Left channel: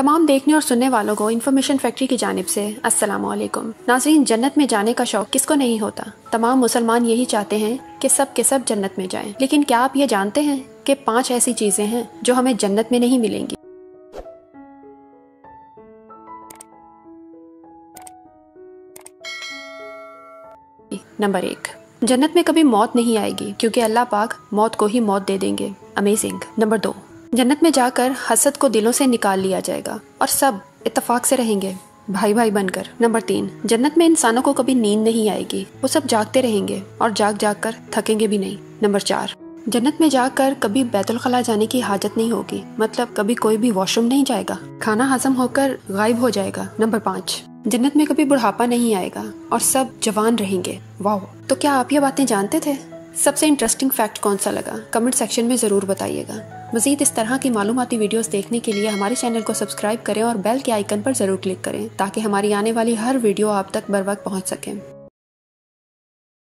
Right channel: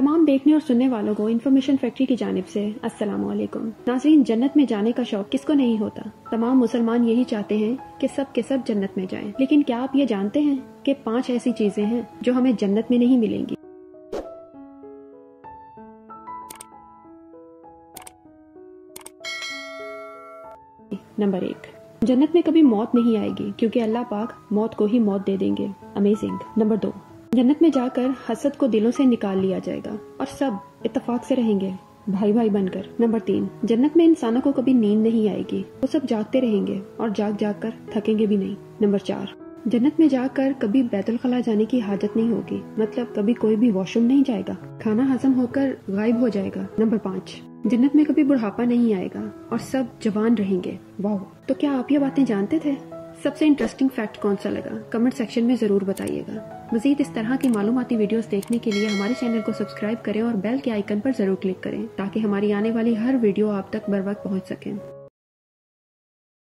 तमाम देखने और सुनने वालों को इन्फॉर्मेशन फैक्ट्री की जानिब से अस्सलाम वालेकुम। नाज़रीन, जन्नत में जाने का शौक किसको नहीं होता। तमाम मुसलमान यही चाहते हैं कि सब के सब जन्नत में जाएं। लेकिन क्या आप ये जानते हैं कि 5 ऐसी चीजें हैं जो हमें जन्नत में नहीं मिलेंगी। नंबर 1, जन्नत में कभी मौत नहीं आएगी क्योंकि अल्लाह पाक मौत को ही मौत दे देंगे। अमेजिंग। नंबर 2, जन्नत में जाकर हसद को दिलों से निकाल लिया जाएगा और सब इत्तेफाक से रहेंगे, भाई भाई बनकर। नंबर 3, जन्नत में इंसानों को कभी नींद नहीं आएगी, वो सब जागते रहेंगे और जाग जाग कर थकेंगे भी नहीं। नंबर 4, जन्नत में जाकर कभी बैतुल खला जाने की हाजत नहीं होगी, मतलब कभी कोई भी वॉशरूम नहीं जाएगा, खाना हजम होकर गायब हो जाएगा। नंबर 5, जन्नत में कभी बुढ़ापा नहीं आएगा और सब जवान रहेंगे। वाह! तो क्या आप ये बातें जानते थे? सबसे इंटरेस्टिंग फैक्ट कौन सा लगा कमेंट सेक्शन में ज़रूर बताइएगा। मज़ीद इस तरह की मालूमाती वीडियोस देखने के लिए हमारे चैनल को सब्सक्राइब करें और बेल के आइकन पर ज़रूर क्लिक करें ताकि हमारी आने वाली हर वीडियो आप तक बर वक्त पहुँच सकें।